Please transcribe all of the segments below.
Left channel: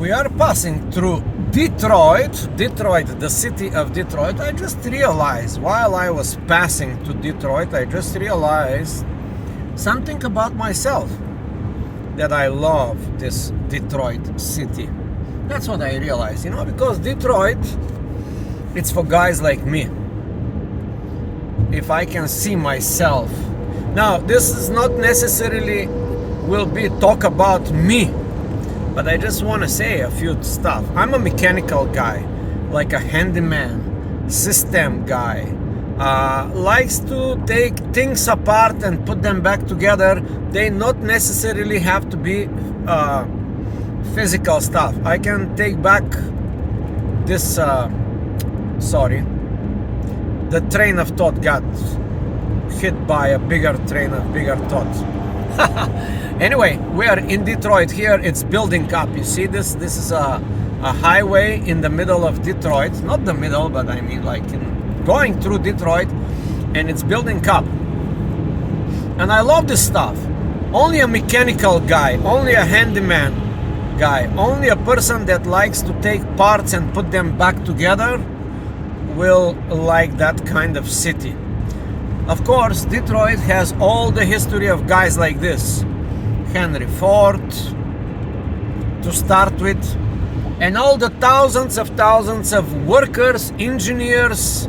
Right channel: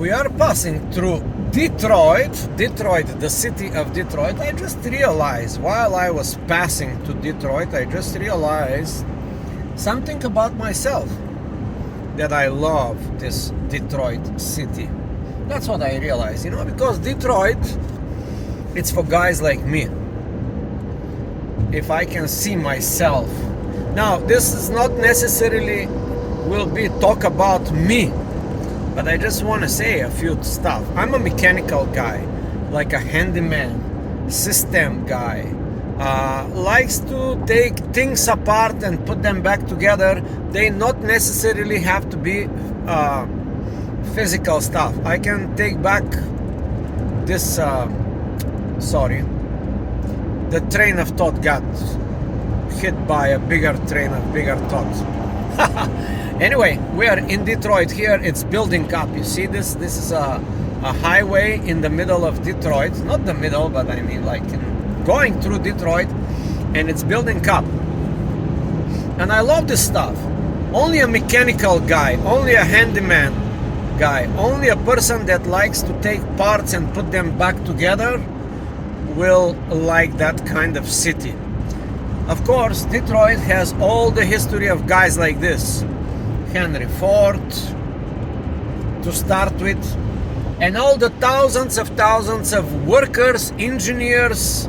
we are passing through Detroit, the city of Detroit. I just realized while I was passing to Detroit, I just realized something about myself, that I love this Detroit city. That's what I realized, because Detroit, it's for guys like me. If I can see myself. Now, this is not necessarily will be talk about me, but I just want to say a few stuff. I'm a mechanical guy, like a handyman, system guy. Likes to take things apart and put them back together. They not necessarily have to be physical stuff. I can take back this, the train of thought got hit by a bigger train of bigger thought. Anyway, we are in Detroit here. It's building up. You see this? This is a highway in the middle of Detroit. Not the middle, but I mean like going through Detroit, and it's building up. And I love this stuff. Only a mechanical guy, only a handyman guy, only a person that likes to take parts and put them back together will like that kind of city. Of course, Detroit has all the history of guys like this. Henry Ford, to start with, and all the thousands of workers, engineers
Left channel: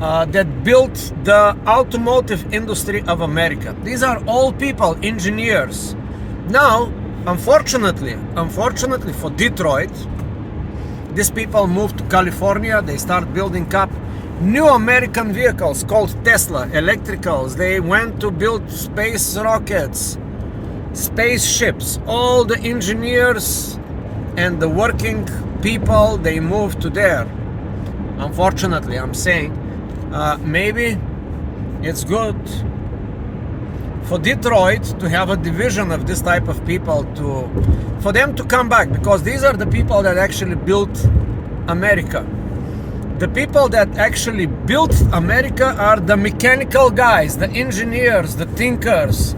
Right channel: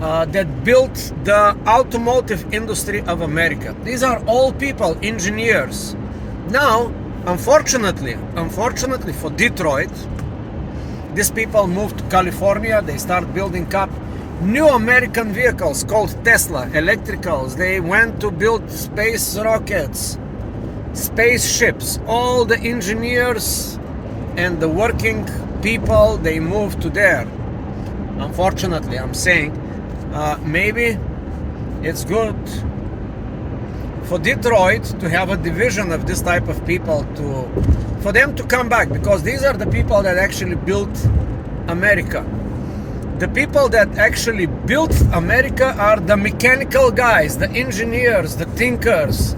that built the automotive industry of America. These are all people, engineers. Now, unfortunately for Detroit, these people moved to California. They start building up new American vehicles called Tesla, electricals. They went to build space rockets, spaceships. All the engineers and the working people, they moved to there. Unfortunately, I'm saying, maybe it's good for Detroit to have a division of this type of people, for them to come back, because these are the people that actually built America. The people that actually built America are the mechanical guys, the engineers, the thinkers,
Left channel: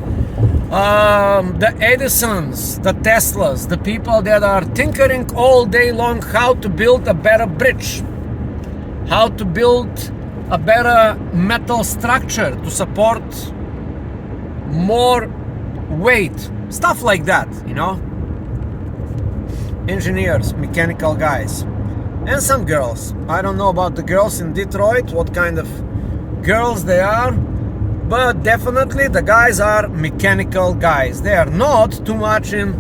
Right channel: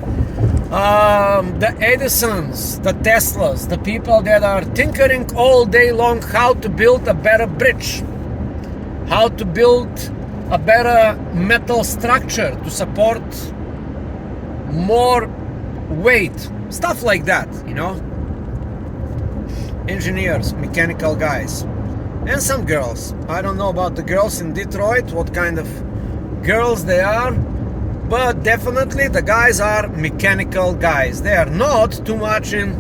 the Edisons, the Teslas, the people that are tinkering all day long how to build a better bridge, how to build a better metal structure to support more weight, stuff like that, Engineers, mechanical guys. And some girls. I don't know about the girls in Detroit, what kind of girls they are, but definitely the guys are mechanical guys. They are not too much in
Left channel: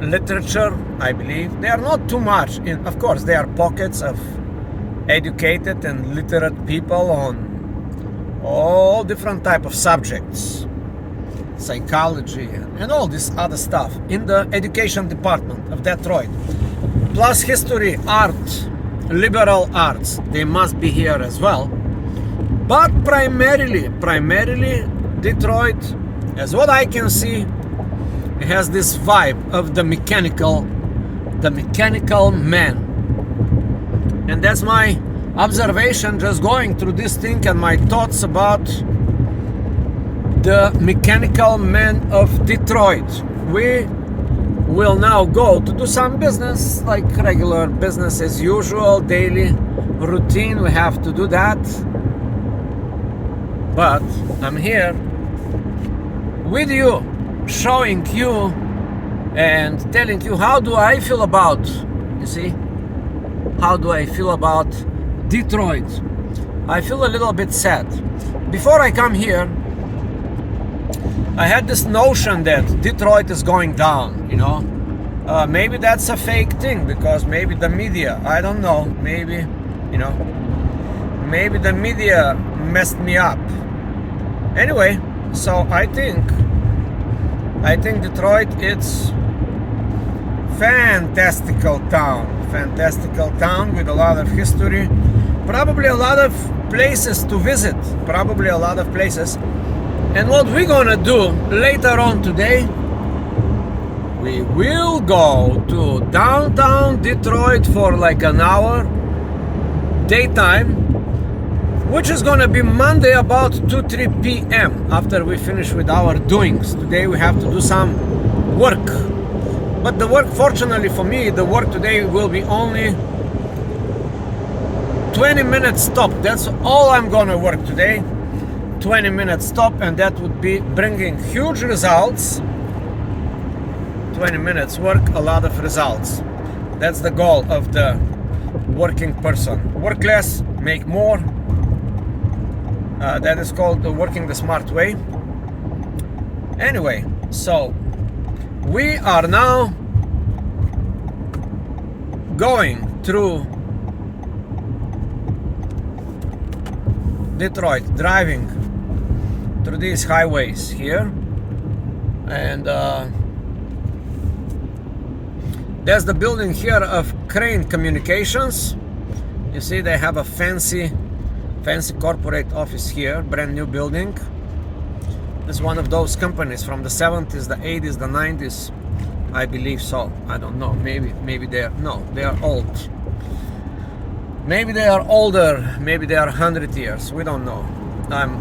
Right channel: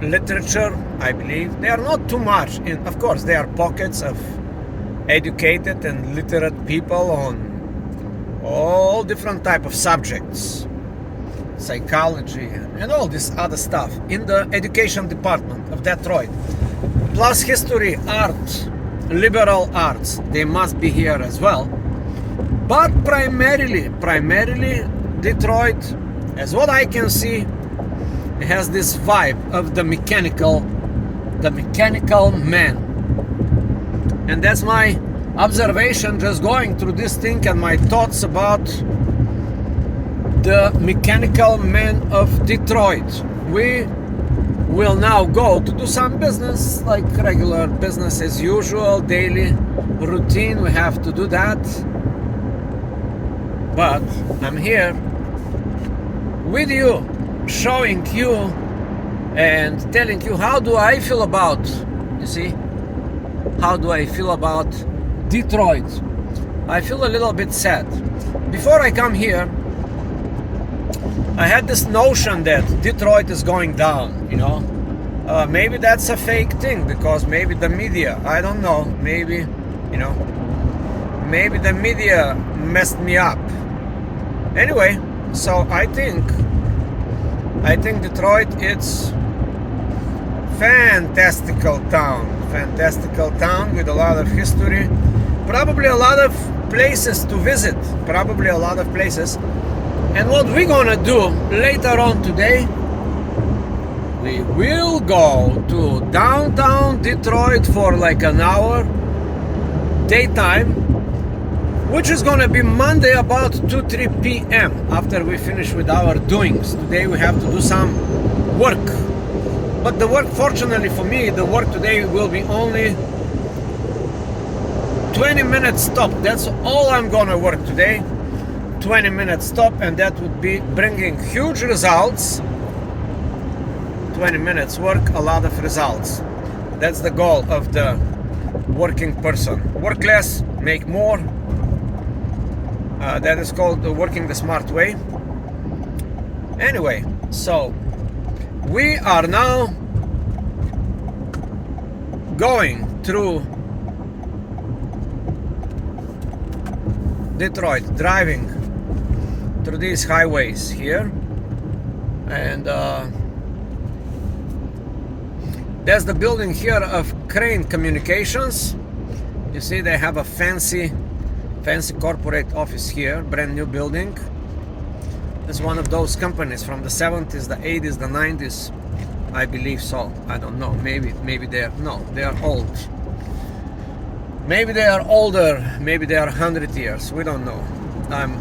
literature, I believe. They are not too much in, of course, there are pockets of educated and literate people on all different type of subjects, psychology and all this other stuff in the education department of Detroit. Plus history, art, liberal arts, they must be here as well. But primarily Detroit, as what I can see, has this vibe of the mechanical man. And that's my observation, just going through this thing, and my thoughts about the mechanical men of Detroit. We will now go to do some business, like regular business as usual, daily routine. We have to do that. But I'm here with you, showing you and telling you how do I feel about, how do I feel about Detroit. I feel a little bit sad. Before I come here, I had this notion that Detroit is going down, maybe that's a fake thing, because maybe the media, I don't know, maybe the media messed me up. Anyway, so I think Detroit, it's fantastical town with a lot of history, probably a lot of places to visit, And what we're gonna do later on today, we will go to downtown Detroit for like an hour, daytime, which is gonna be Monday about 2-3 p.m. after we finish with our doings. Today we have to do some work, but the work, fortunately for me, the work today will be only 20 minutes stop. That's all I'm gonna work today. 20 minutes stop, and that would be bringing huge results. 20 minutes work, a lot of results. That's the goal of the working person. Work less, make more. That is called working the smart way. Anyway, so we are now going through Detroit, driving through these highways here, and there's the building here of Crane Communications. You see they have a fancy corporate office here, brand new building. It's one of those companies from the 70s, the 80s, the 90s, I believe so. I don't know, maybe they are old. Maybe they are older, maybe they are 100 years, we don't know. I'm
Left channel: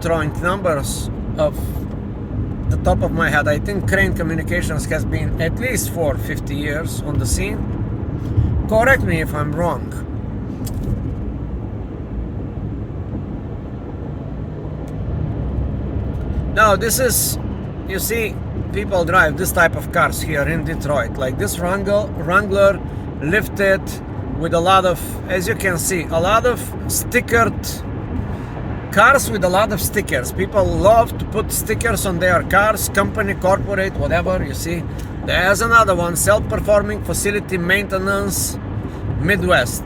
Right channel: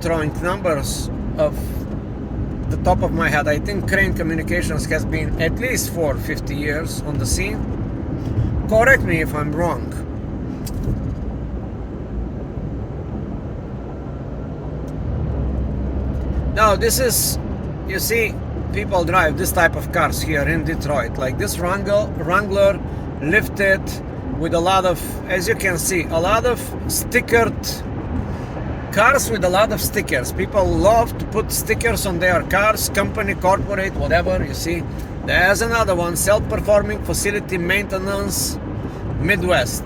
throwing numbers of the top of my head. I think Crane Communications has been at least for 50 years on the scene. Correct me if I'm wrong. Now this is, you see, people drive this type of cars here in Detroit, like this Wrangler lifted with a lot of, as you can see, a lot of stickered cars with a lot of stickers. People love to put stickers on their cars, company, corporate, whatever. You see, there's another one, self-performing facility maintenance Midwest.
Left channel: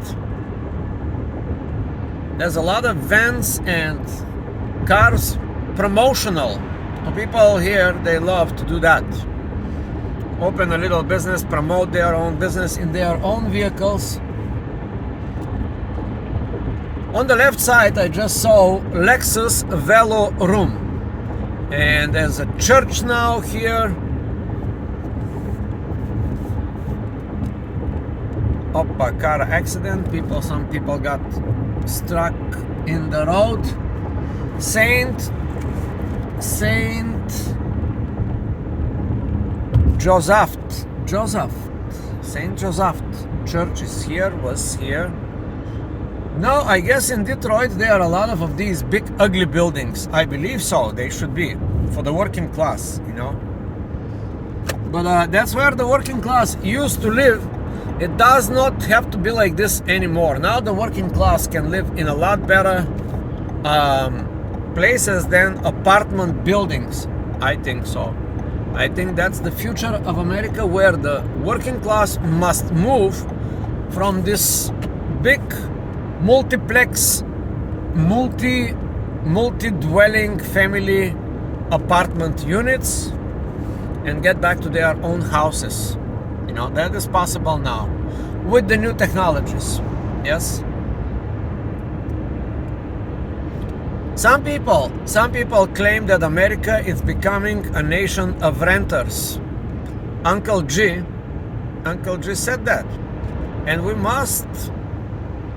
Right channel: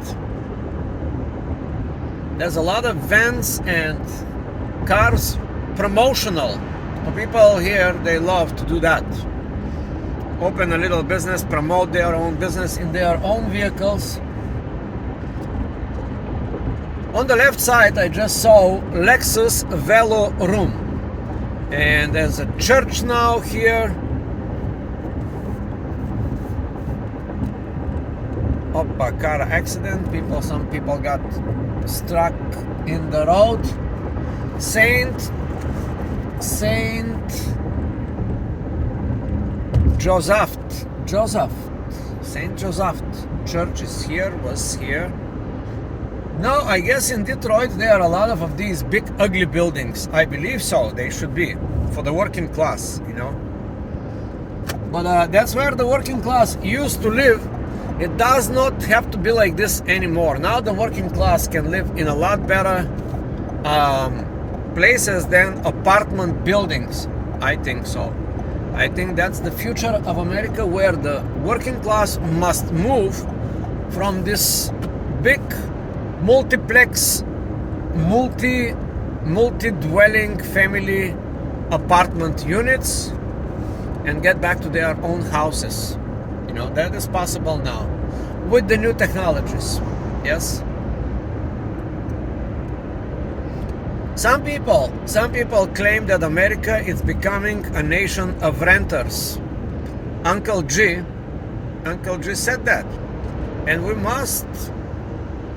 There's a lot of vans and cars, promotional. The people here, they love to do that. Open a little business, promote their own business in their own vehicles. On the left side, I just saw Lexus Velo Room, and there's a church now here. A car accident. Some people got struck in the road. Saint Joseph church is here, was here. Now, I guess in Detroit there are a lot of these big ugly buildings. I believe so, they should be, for the working class, you know. But that's where the working class used to live. It does not have to be like this anymore. Now the working class can live in a lot better places than apartment buildings. I think so. I think that's the future of America, where the working class must move from this big multiplex, multi-dwelling family apartment units and get back to their own houses. You know, that is possible now with the new technologies. Yes. Some people claim that America is becoming a nation of renters. Uncle G said that, and we must,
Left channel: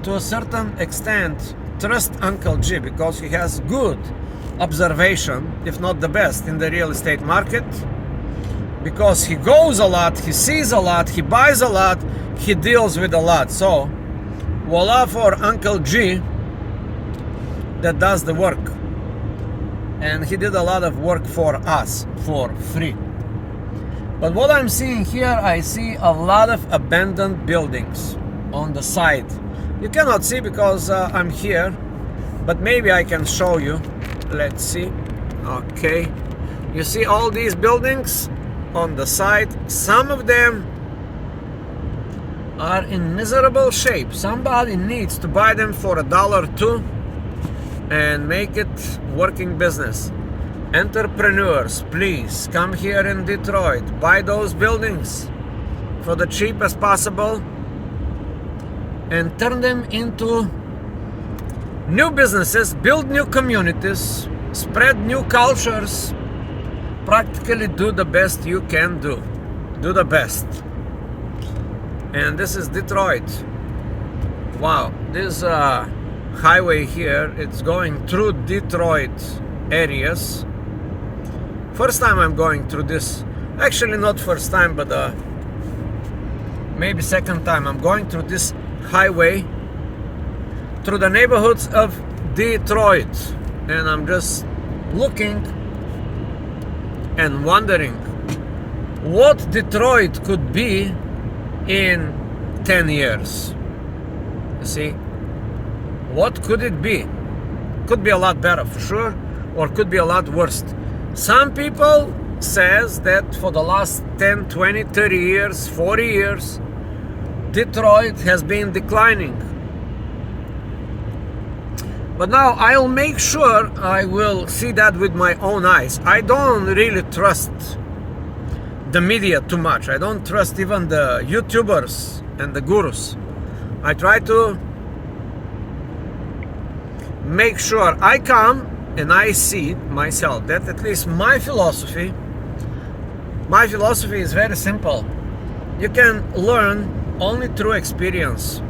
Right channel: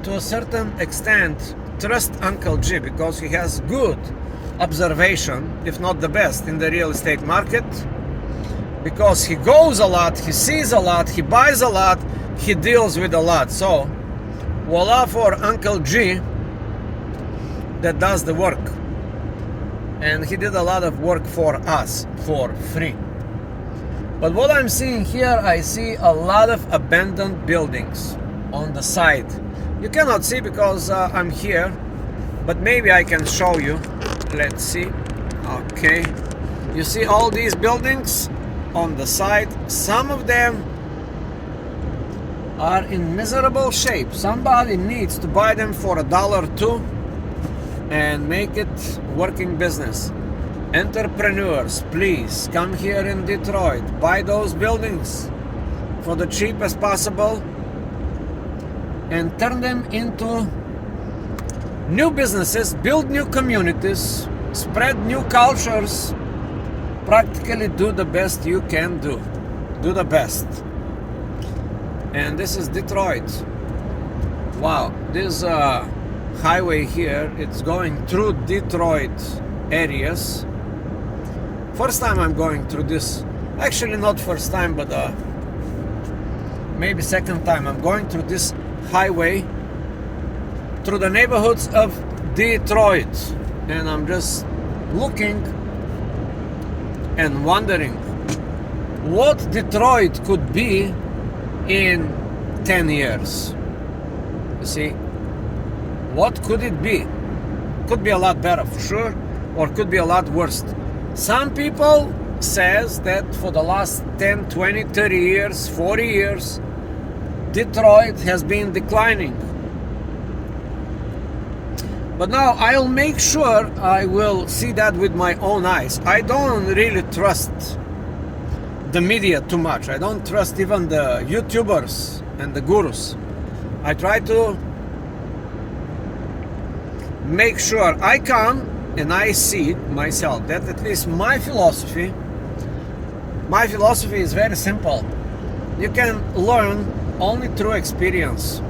to a certain extent, trust Uncle G, because he has good observation, if not the best, in the real estate market, because he goes a lot, he sees a lot, he buys a lot, he deals with a lot. So voila for Uncle G that does the work, and he did a lot of work for us for free. But what I'm seeing here, I see a lot of abandoned buildings on the side. You cannot see because I'm here, but maybe I can show you. Let's see. Okay, you see all these buildings on the side. Some of them are in miserable shape. Somebody needs to buy them for $1 or $2 and make it working business. Entrepreneurs, please come here in Detroit, buy those buildings for the cheapest possible and turn them into new businesses, build new communities, spread new cultures, practically do the best you can do. Do the best. And this is Detroit. Wow, this highway here. It's going through Detroit areas. First time I'm going through this. Actually, not first time, but maybe second time. I'm going through this highway through the neighborhoods of Detroit, and I'm just looking and wondering what Detroit could be in 10 years. You see, what could it be? Could be a lot better for sure, or could be a lot worse. Some people says that for the last 10, 20, 30 years, 40 years, Detroit has been declining. But now I'll make sure I will see that with my own eyes. I don't really trust the media too much. I don't trust even the YouTubers and the gurus. I try to make sure I come and I see myself. That at least my philosophy is very simple. You can learn only through experience,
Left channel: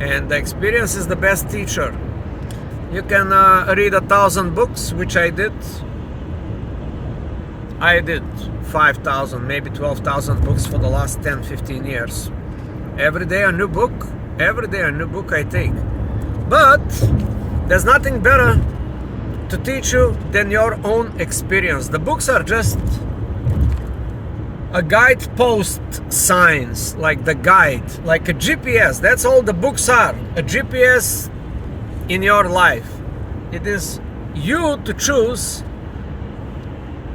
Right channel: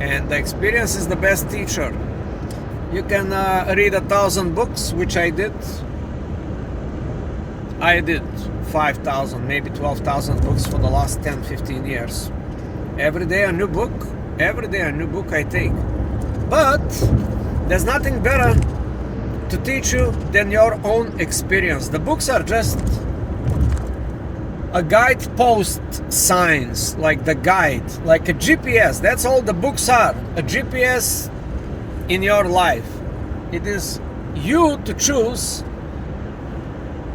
and the experience is the best teacher. You can read 1,000 books, which I did. I did 5,000, maybe 12,000 books for the last 10, 15 years. Every day a new book, every day a new book I take. But there's nothing better to teach you than your own experience. The books are just a guidepost signs, like the guide, like a GPS. That's all the books are, a GPS in your life. It is you to choose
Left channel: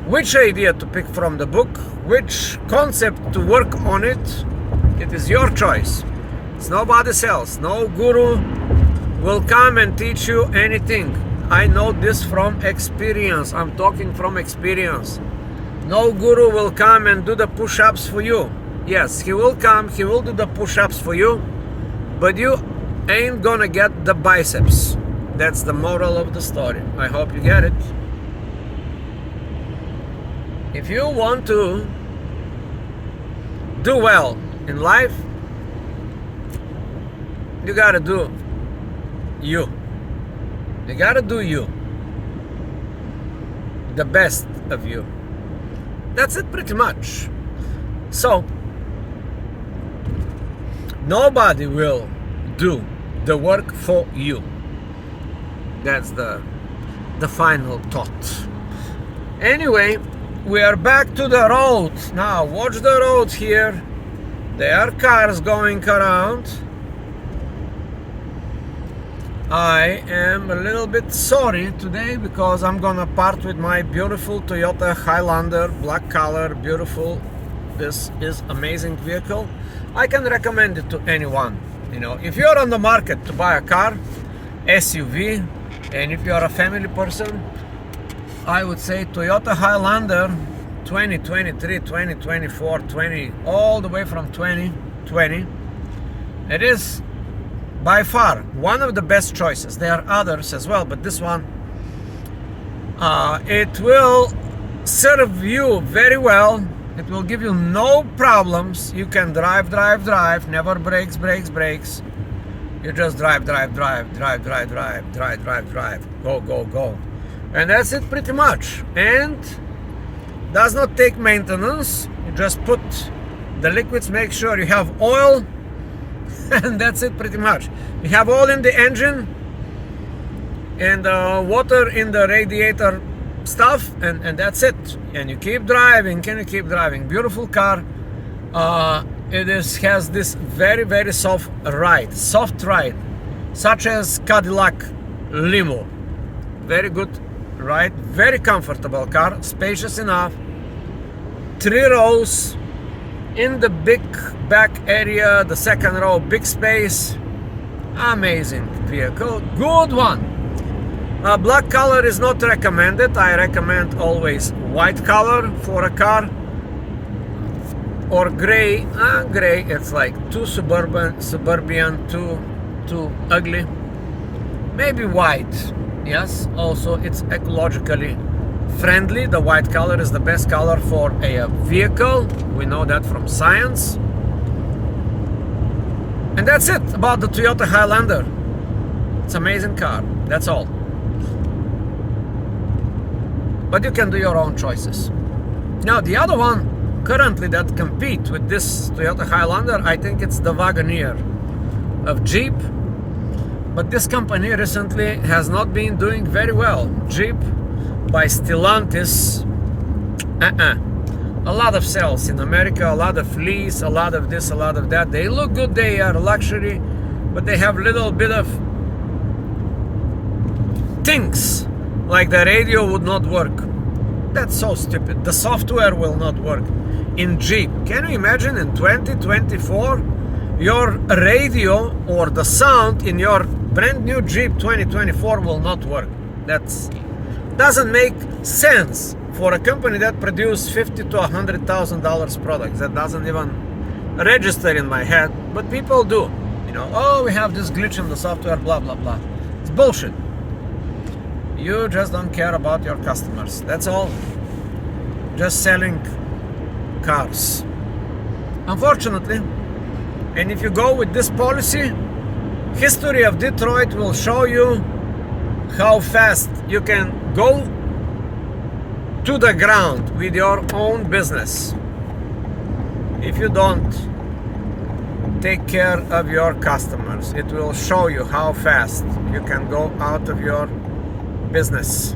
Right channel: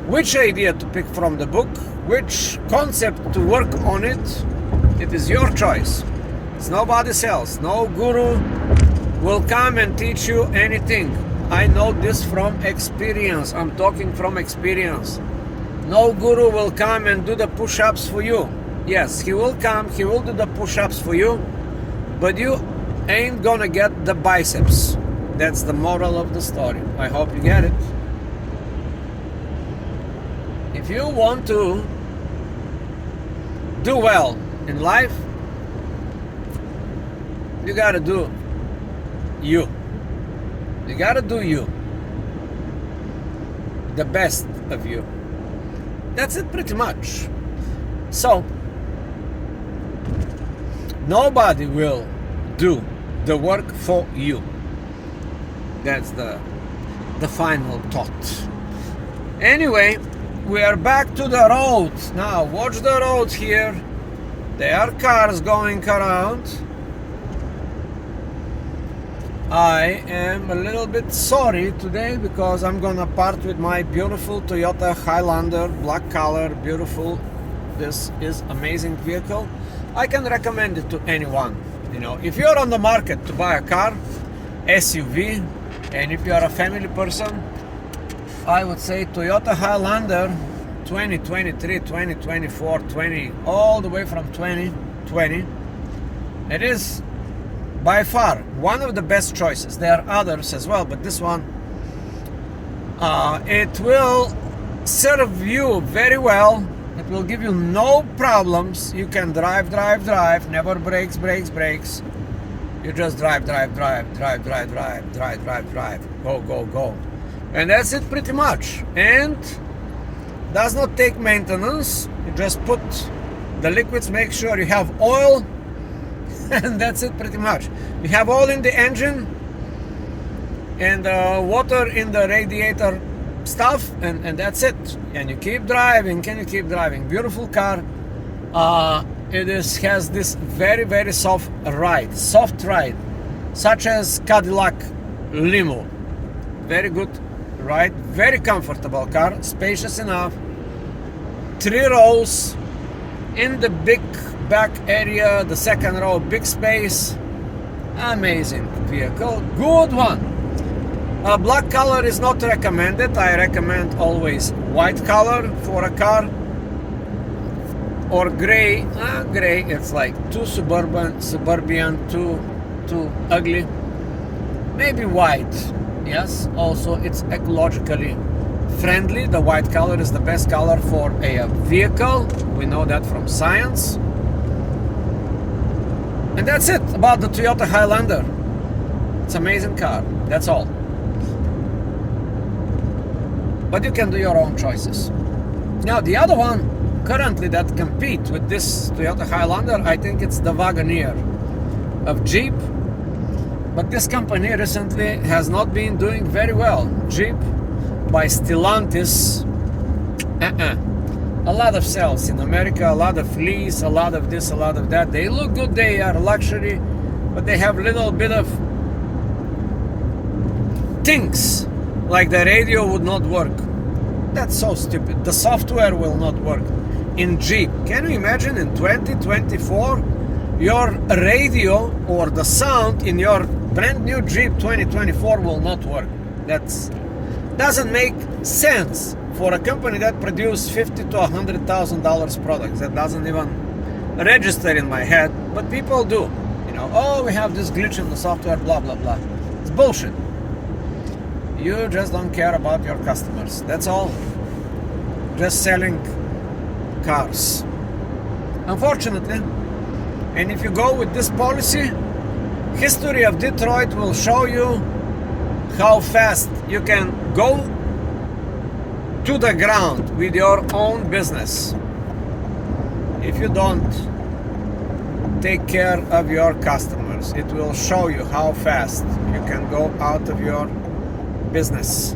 which idea to pick from the book, which concept to work on it. It is your choice. It's nobody else. No guru will come and teach you anything. I know this from experience. I'm talking from experience. No guru will come and do the push-ups for you. Yes, he will come, he will do the push-ups for you, but you ain't gonna get the biceps. That's the moral of the story. I hope you get it. If you want to do well in life, you gotta do you. You gotta do you. The best of you. That's it pretty much. So, nobody will do the work for you. That's the final thought. Anyway, we are back to the road. Now, watch the road here. There are cars going around. I am a little bit sorry today because I'm gonna part with my beautiful Toyota Highlander, black color, beautiful. This is amazing vehicle. I can recommend it to anyone. You know, if you're on the market to buy a car, SUV, and if you're a family person, I would say Toyota Highlander 2023, 2024, 20, all the way from 2020. It is by far one of the best choices. There are others as well, but this one, it will serve you very well. It will give you no problems. You can drive, never brakes. You just drive, go. And that's it pretty much. And does not take maintenance. You just put the liquids, make sure you have oil, and that's it pretty much. You have oil in the engine and water in the radiator stuff, and that's it. And you keep driving, Beautiful car. It has this very soft ride, such as Cadillac Limo. Very good ride, very comfortable car, spacious enough, 3 rows in the big back area, the second row, big space. Amazing vehicle, good one. Black color is not recommended. I recommend always white color for a car, or gray. Gray, it's like too suburban, too ugly. Maybe white. Yes, also it's ecologically friendly. The white color is the best color for a vehicle. We know that from science. And that's it about the Toyota Highlander. It's an amazing car. That's all. But you can do your own choices. Now, the other one currently that compete with this Toyota Highlander, I think it's the Wagoneer of Jeep. But this company recently has not been doing very well. Jeep by Stellantis, a lot of sales in America, a lot of lease, a lot of this, a lot of that. They look good, they are luxury, but they have little bit of things, like the radio would not work. That's so stupid. The software will not work in Jeep. Can you imagine in 2024 your radio or the sound in your brand new Jeep 2024 will not work? That doesn't make sense for a company that produces $50,000 to $100,000 products. That doesn't even register in my head, but people do. You know, oh, we have this glitch in the software, blah blah blah. It's bullshit. You just don't care about your customers. That's all. Just selling cars. Unfortunately, and if you go with this policy, history of Detroit will show you how fast you can go to the ground with your own business if you don't take care of your customers. It will show you how fast you can go out of your business.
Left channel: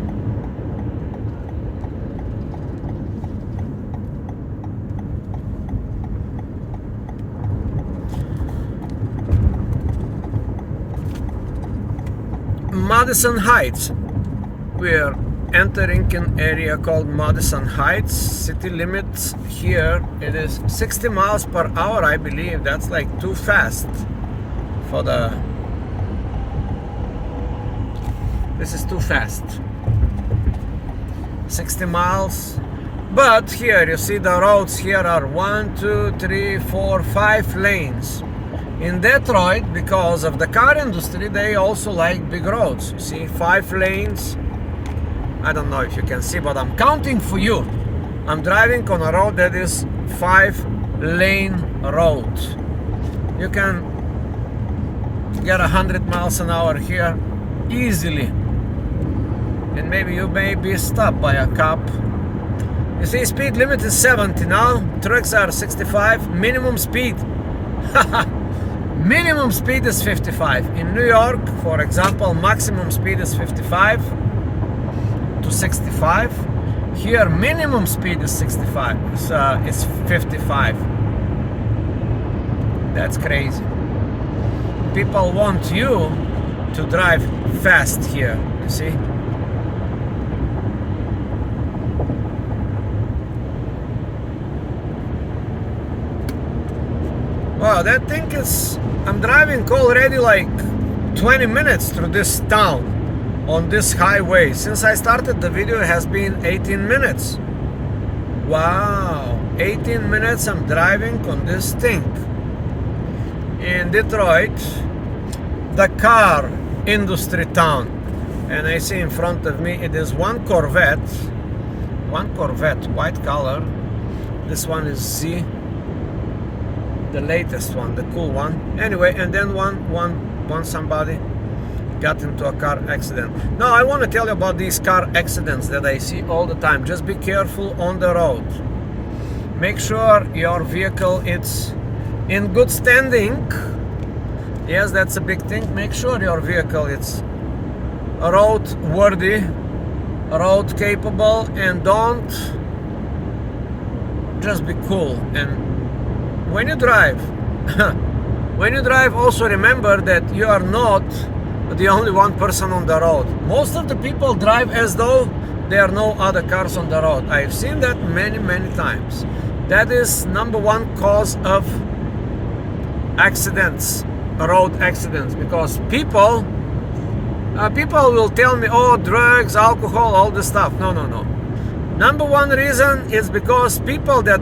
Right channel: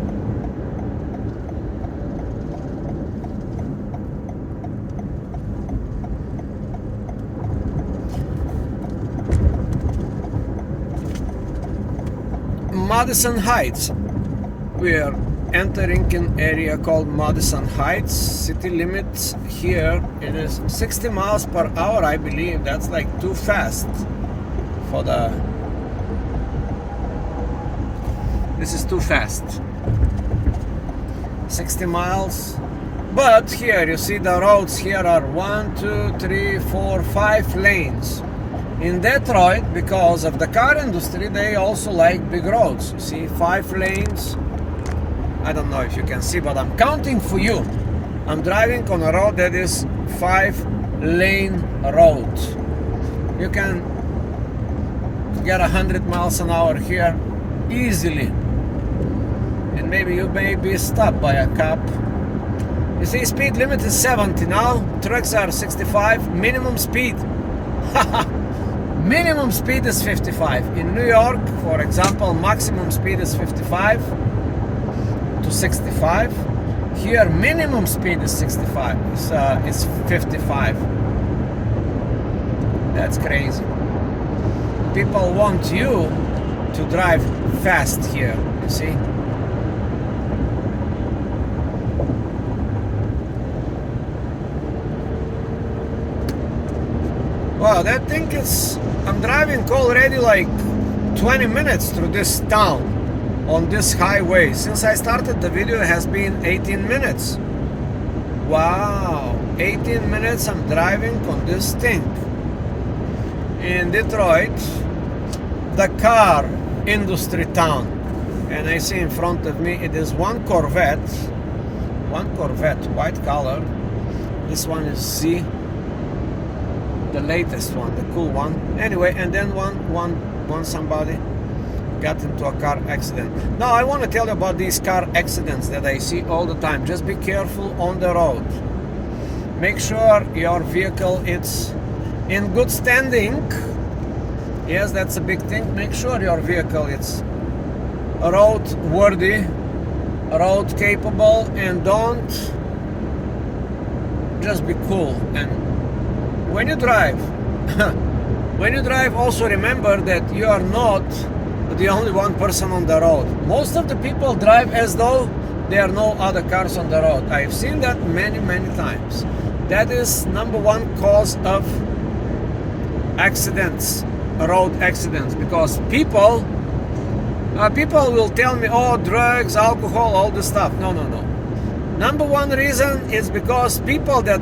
Madison Heights. We're entering an area called Madison Heights. City limits here, it is 60 miles per hour, I believe. That's like too fast for the... This is too fast. 60 miles. But here you see the roads here are 1, 2, 3, 4, 5 lanes. In Detroit, because of the car industry, they also like big roads. You see 5 lanes. I don't know if you can see, but I'm counting for you. I'm driving on a road that is 5-lane road. You can get 100 miles an hour here easily. And maybe you may be stopped by a cop. You see, speed limit is 70 now. Trucks are 65. Minimum speed. Minimum speed is 55. In New York, for example, maximum speed is 55 to 65. Here, minimum speed is 65. It's 55. That's crazy. People want you to drive fast here. You see? Wow, that thing is... I'm driving already like 20 minutes through this town on this highway. Since I started the video, it has been 18 minutes. Wow, 18 minutes I'm driving on this thing. In Detroit, the car industry town. And I see in front of me, it is one Corvette, white color. This one is Z. The latest one, the cool one. Anyway, and then one somebody got into a car accident. Now I want to tell you about these car accidents that I see all the time. Just be careful on the road. Make sure your vehicle is in good standing. Yes, that's a big thing. Make sure your vehicle is road worthy, road capable, and don't just be cool. And when you drive, also remember that you are not the only one person on the road. Most of the people drive as though there are no other cars on the road. I've seen that many times. That is number one cause of accidents, road accidents, because people will tell me, oh, drugs, alcohol, all this stuff. No. Number one reason is because people that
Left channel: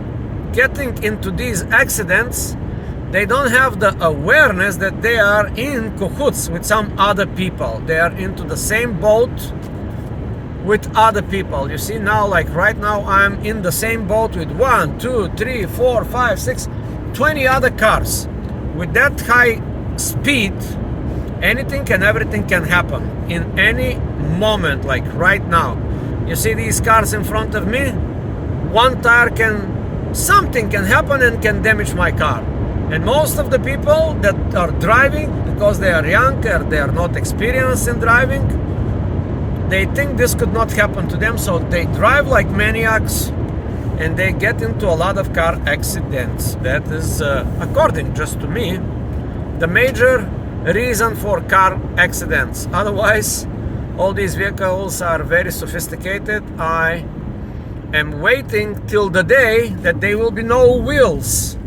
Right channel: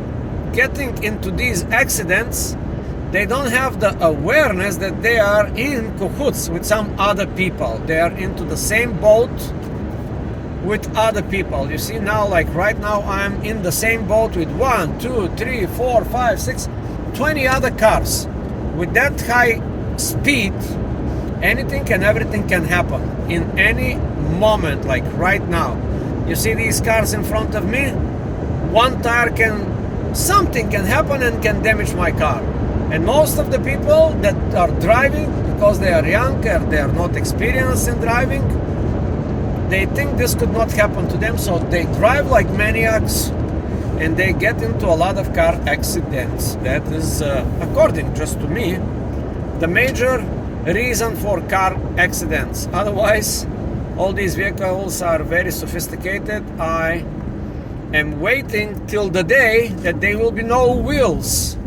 getting into these accidents, they don't have the awareness that they are in cahoots with some other people. They are into the same boat with other people. You see now, like right now, I'm in the same boat with 1, 2, 3, 4, 5, 6, 20 other cars. With that high speed, anything and everything can happen in any moment, like right now. You see these cars in front of me? One tire something can happen and can damage my car. And most of the people that are driving, because they are young or they are not experienced in driving, they think this could not happen to them, so they drive like maniacs and they get into a lot of car accidents. That is, according just to me, the major reason for car accidents. Otherwise, all these vehicles are very sophisticated. I am waiting till the day that there will be no wheels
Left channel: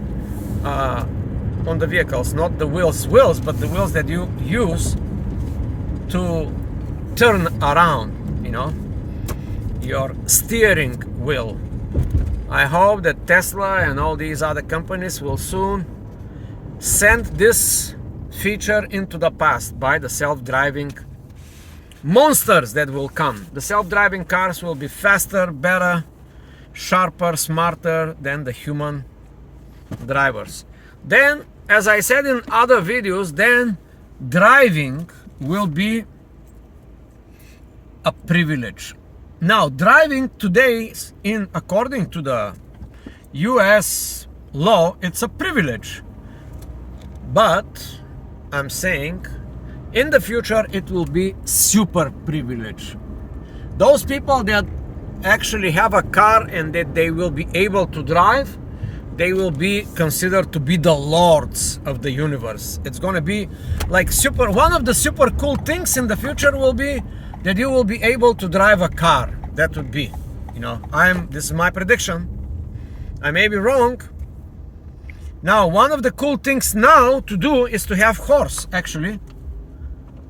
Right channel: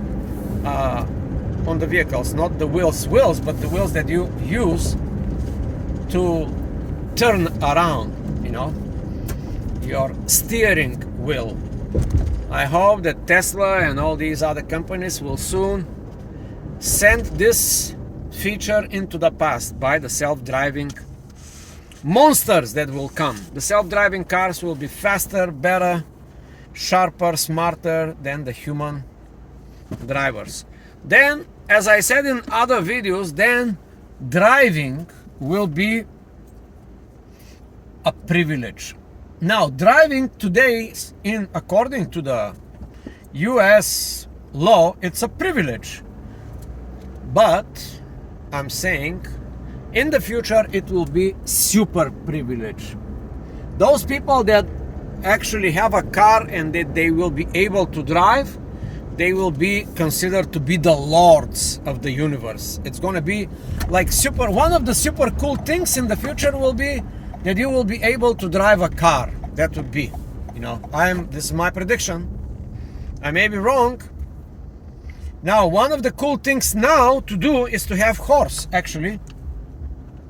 on the vehicles. Not the wheels, but the wheels that you use to turn around, you know, your steering wheel. I hope that Tesla and all these other companies will soon send this feature into the past by the self-driving monsters that will come. The self-driving cars will be faster, better, sharper, smarter than the human drivers. Then, as I said in other videos, then driving will be a privilege. Now, driving today, according to the US law, it's a privilege. But I'm saying in the future it will be super privilege. Those people that actually have a car and that they will be able to drive, they will be considered to be the lords of the universe. It's going to be like one of the super cool things in the future will be that you will be able to drive a car. That would be, you know, this is my prediction. I may be wrong. Now, one of the cool things now to do is to have horse, actually,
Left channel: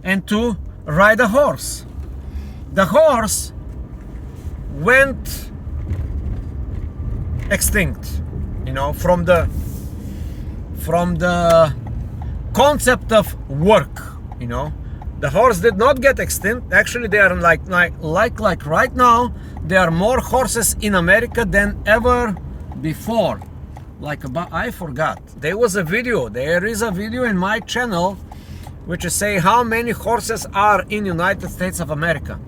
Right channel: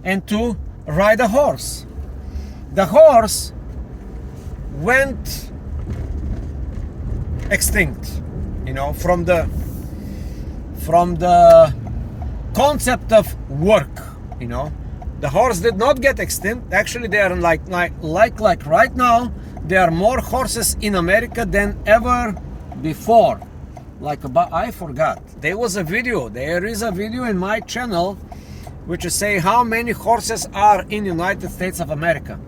and to ride a horse. The horse went extinct, you know, from the concept of work, you know. The horse did not get extinct. Actually, they are like right now, there are more horses in America than ever before. I forgot. There is a video in my channel which is say how many horses are in United States of America.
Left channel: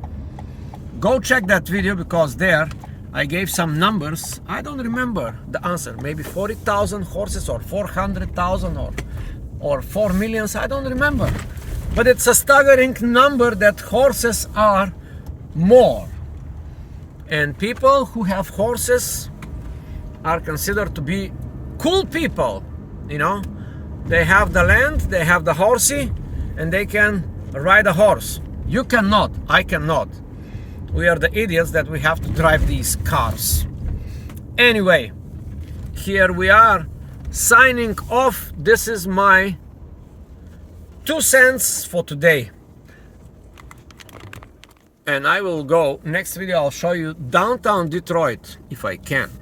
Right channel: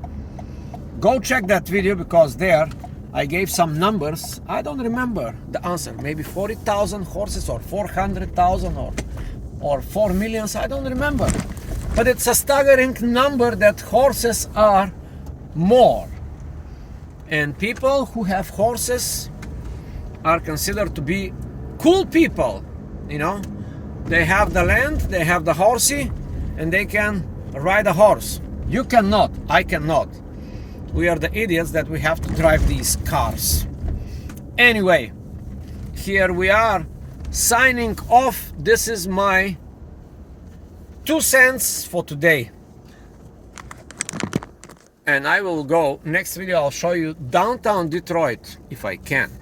Go check that video, because there I gave some numbers. I don't remember the answer. Maybe 40,000 horses or 400,000 or 4 million. I don't remember. But it's a staggering number that horses are more. And people who have horses are considered to be cool people, you know. They have the land, they have the horsey, and they can ride a horse. You cannot, I cannot. We are the idiots that we have to drive these cars. Anyway, here we are signing off. This is my 2 cents for today. And I will go, next video I'll show you downtown Detroit if I can.